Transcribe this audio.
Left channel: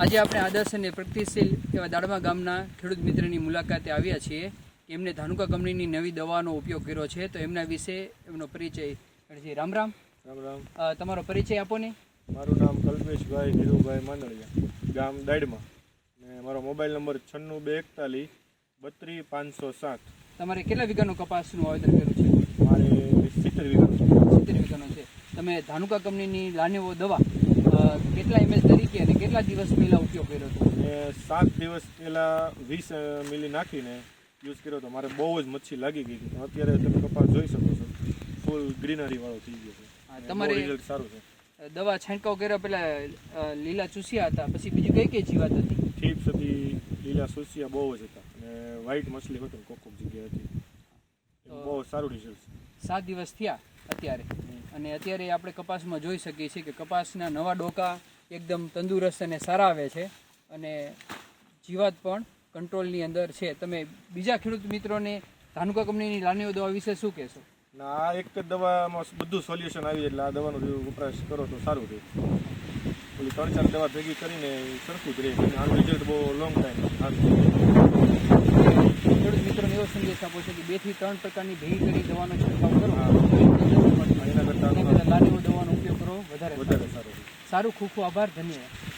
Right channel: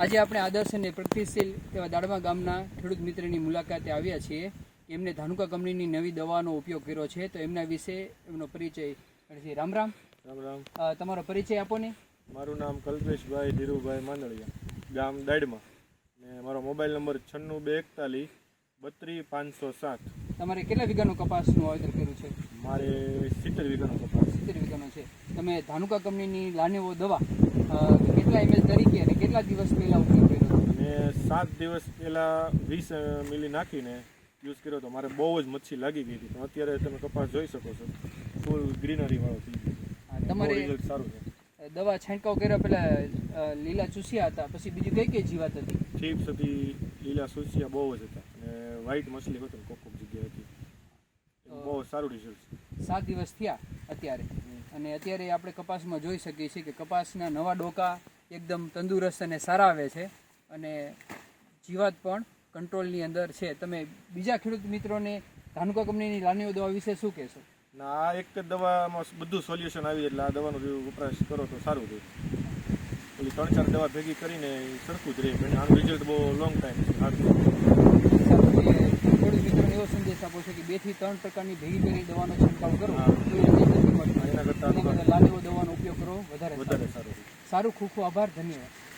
આજે આપણે આદર્શ અને પ્રગતિશીલ એવા દાડમા ગામના ખેડૂત મિત્રની મુલાકાતે આવ્યા છીએ. એમને ધાનુકા કંપનીની નવી દવાનો ઉપયોગ કર્યો છે. તો એમના વિશે એમનો પરિચય રામ રામ. રામ રામ. તમારો પરિચય આપો ને. મારું નામ કલ્પેશભાઈ ધીરુભાઈ માંદળિયા ગામ દાડમાં. ને મારો મોબાઈલ નંબર છન્નું બે એકતાલીસ બત્રીસ પાંચસો સાત. તમારે કેટલા વીઘાનું કપાસનું વાવેતર કર્યું છે? મારે સિત્તેર વીઘાનું. છે. સિત્તેર વીઘાનું છે. તમે ધાનુકા કંપનીની લાનીઓ દવા કેટલા એમએલ તરીકે અને કેટલા દિવસ પહેલાં ઉપયોગ કર્યો હતો? અને સાત દિવસ પહેલાં વીસ મિલી નાખીને યુઝ કર્યો તો મારે બહુ જ મચ્છી લાગી ગઈ હતી. અત્યારે તમે કપાસ જોઈ શકો છો. ફૂલ ગ્રીનરી વાળો થઈ ગયો છે. તમારે- રિઝલ્ટ સારું છે. દવા છંટકાવ કર્યા પહેલાં લીલા ચૂસિયા હતા. પછી બીજું કઈ કઈ જીવાત હતી? થીપ્સ હતી લીલા ચૂસિયા બહુ જ હતા. અને વ્હાઈટ મછલી હતો કોક કોક જગ્યાએ હતી બહુ સારું રિઝલ્ટ સાત દિવસ થયા અત્યારે. અને અત્યારે આપણે કપાસમાં જોઈ શકીએ છીએ કે કપાસના નવા ડોકા એકદમ તંદુરસ્ત અને સારા આવે છે અને જીવાત પણ કંટ્રોલની અંદર છે. તમે બીજા ખેડૂત મિત્રોને ધાનુકા કંપનીની લાનીઓ દવા વિશે શું કહેશો? ના, આ એક જ દવામાં બધું સોલ્યુશન આવી એટલે આ દવાનો વપરાશ કરો તો સારું રહે. ઓલી ત્રણ ચાર દવા ભેગી કરીને સરખું જ રહે. આનું રિઝલ્ટ બહુ લોંગ ટાઈમ સારું. એવો સંદેશ કે બેથી ત્રણ પ્રકારની ભેગી કરી દવાનો છંટકાવ કરો. એના કરતાં એના દવાનો ઉપયોગ કરો વધારે વધારે સારું. સારું ખૂબ ખૂબ આભાર ધન્યવાદ.